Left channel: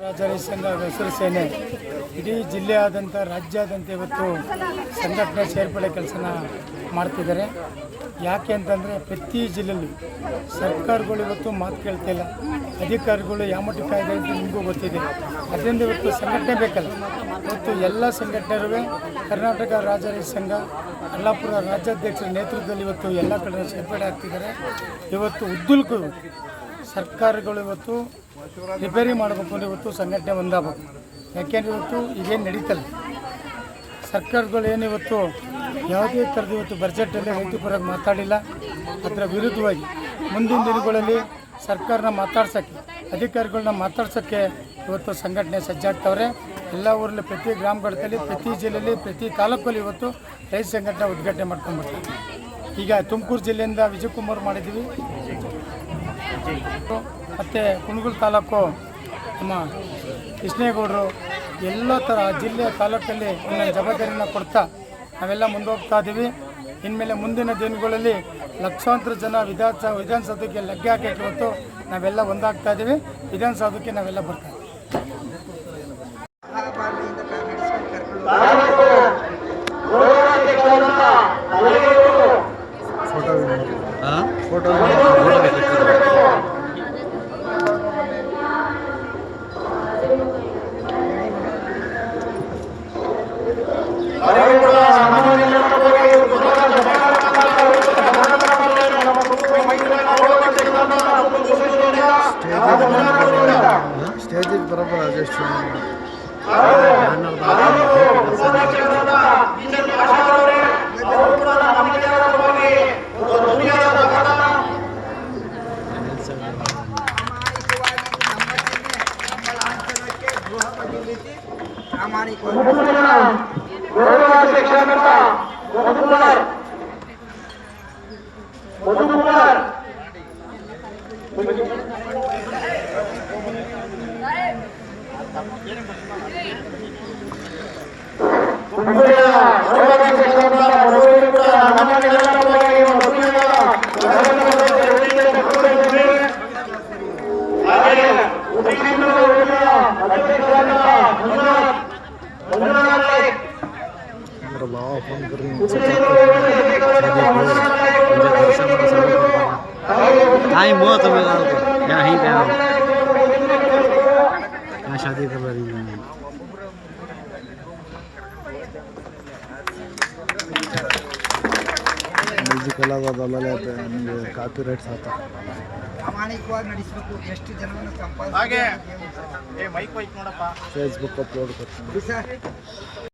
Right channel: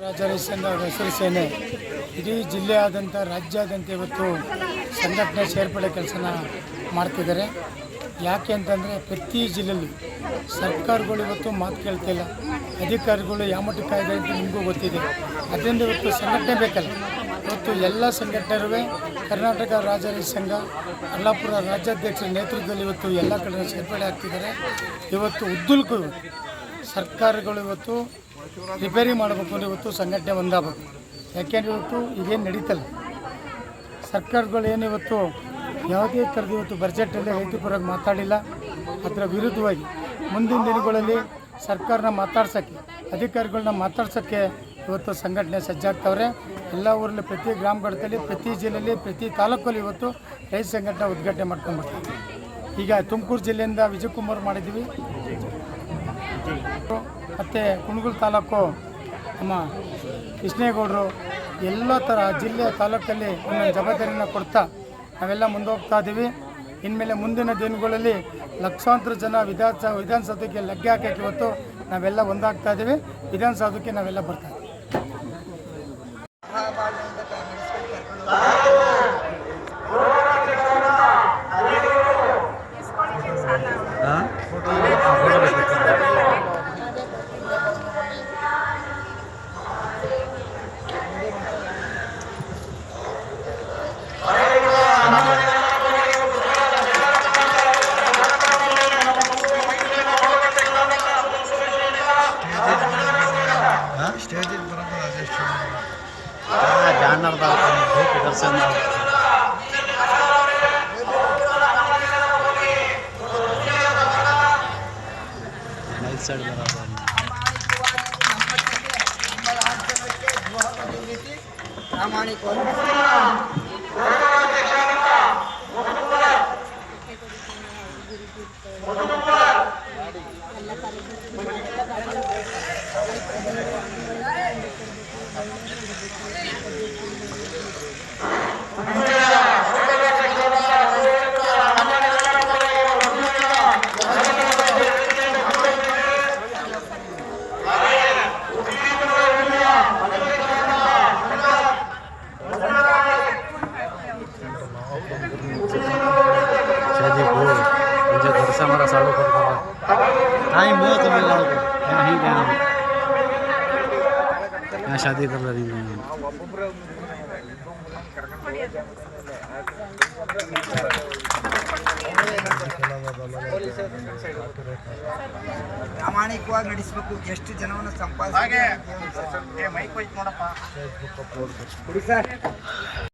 ರಾಜರೇಶ್ ಸಂಘ ಹಸಿರು ಸೇನೆ ಇಡೀ ಜಿಲ್ಲೆಯಾದ್ಯಂತ ರಾಜ್ಯಾದ್ಯಂತ ಇವತ್ತು ಸಂಘಟನೆ ಸೇರ್ಪಡೆ ಕೆಲಸನ ಮಾಡ್ತಿದ್ದಾರೆ. ಯಾಕೆ ಅಂತಂದರೆ ಪ್ರತಿ ಜಿಲ್ಲೆಯಲ್ಲಿ ಸರ್ಕಾರಗಳು ಇವತ್ತು ಮಾತು ಕೇಳ್ತಿಲ್ಲ, ಅಧಿಕಾರಿಗಳು ಯಾಮಟ್ಟು ಕಾಯ್ದೆ ಅಂತ ನಿಮಗೂ ಗೊತ್ತಿದೆ. ಅದರಿಂದ ಇವತ್ತು ಸಂಘಟನೆ ಬೇಕಲ್ಲ. ಇವತ್ತು ಎಲ್ಲ ಸಂಘಟನೆಗಳು ಕರ್ನಾಟಕ ರಾಜರೇಶ್ ಸಂಘ ಅಲ್ಲಾಪುರ ರಾಜ್ಯಾಧ್ಯಕ್ಷರ ನೇತೃತ್ವದಲ್ಲಿ ಇವತ್ತು ಎಲ್ಲ ಕಡೆ ಸೇರ್ಪಡೆ ಆಗ್ತಿದ್ದಾರೆ. ಇವತ್ತು ಉದ್ದಕ್ಕೂ ಸರ್ಕಾರಗಳು ಇವತ್ತು ರಿಪೇರಿ ಮಾಡಬೇಕು ಅಂದರೆ ಇವತ್ತು ಸಂಘಟನೆ ಒಂದಾಗಬೇಕು. ಯಾಕೆಂದರೆ ಇವತ್ತು ಈಗೇನು ನಡೀತಲ್ಲ, ಸರ್ಕಾರಗಳು ಏನು ಇವತ್ತು ಯಾವುದೇ ಥರದ ಇವತ್ತು ಬಜೆಟಲ್ಲಿ ರೈತ ಪರವಾಗಿ ಮಾತಾಡಿಲ್ಲ. ಅದರ ವಿರುದ್ಧವಾಗಿ ಮುಂದಿನ ದಿನಗಳಲ್ಲಿ ಸರ್ಕಾರನ ಮಾತಾಡ್ಸೋಕ್ಕೆ, ಅಧಿಕಾರಿಗಳನ್ನ ಮಾತಾಡ್ಸೋಕ್ಕೆ ಇವತ್ತು ಸಂಘಟನೆ ಸಜ್ಜಾಗ್ತವ್ರೆ. ಎಲ್ಲ ಊರಲ್ಲಿ ಪ್ರತಿ ಗ್ರಾಮಗಳಲ್ಲಿ, ಪ್ರತಿ ಜಿಲ್ಲೆಯಲ್ಲಿ, ಪ್ರತಿ ತಾಲೂಕಲ್ಲಿ ಇವತ್ತು ರೈತ ಸಂಘಟನೆ ಉದ್ಘಾಟನೆ ಮಾಡ್ಕೊಂಡ್ಬರ್ತಾರೆ. ಈಗ ತುಮಕೂರು ಜಿಲ್ಲೆಯಿಂದ ವಿಜಯಕುಮಾರ್ ಮಾಡಿದ್ದೀವಿ, ಮತ್ತು ಕುಣಗಲ್ ತಾಲೂಕು ನಮ್ಮ ಕೃಷ್ಣೇಗೌಡರು, ಎಲ್ಲ ಥರ ಜಿಲ್ಲೆ ತಾಲೂಕಲ್ಲಿ ಒಂದೊಂದು ಜವಾಬ್ದಾರಿನ ಕೊಡ್ತಾ ನಾವೆಲ್ಲ ಮುಂದೋಗ್ತಾ ಇದ್ದೀವಿ. ಇನ್ಮೇಲೆ ಮುಂದಿನ ದಿನಗಳಲ್ಲಿ ಲಕ್ಷಾಂತರ ಜನ ವಿಧಾನಸೌಧಕ್ಕೆ ಲಗ್ಗೆ ಹಾಕೋಕ್ಕೆ ಇವತ್ತು ನಾವೆಲ್ಲ ಒಂದಾಗ್ತಾ ಇದ್ದೀವಿ. ವಿಧಾನಸೌಧಕ್ಕೆ ನಾವೆಲ್ಲ ಬರ್ತಾ ಇದ್ದೀವಿ. स्टेज बरोबर बॅनर दर्शन ರೈಟ್ ಸೈಡ್ ಬರೋದು ನಮ್ಮ ಲಾಂಛನಕ್ಕೆ ಗೃಹ ಬದಿಲಿಸಿ ಪ್ರಾಮಾಣಿಕವಾಗಿ मुझे घर से हमारा सारा फोन कर रहा टाइम हुआ तो मैं जाओ यहाँ ही गया हूँ, यहाँ शादी कर रही हूँ। ಕಾಪಿ ರೈಟ್ಸ್ ಪ್ರಾಮಾಣಿಕವಾಗಿ ನಡೆಸಬೇಕು. ಎಷ್ಟು ಜನವನ್ನು ಸಂಪಾದಿಸಿ ಫೇಸ್ಬುಕ್ ಅಪ್ಲೋಡ್ ಕೊಡಿ ಸರ್.